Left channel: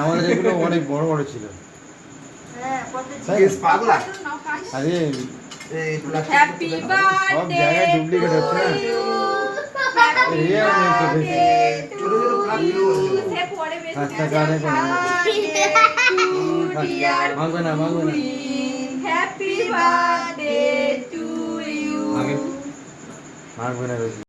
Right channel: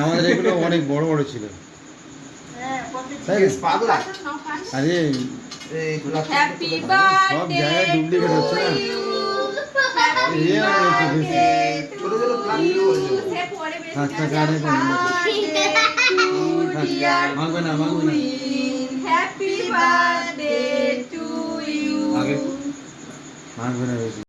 আমাদের এগুলো অনেক বড় বড় ছিল। সব জায়গায় ডুপ্লিকেট হচ্ছে না মাগবে না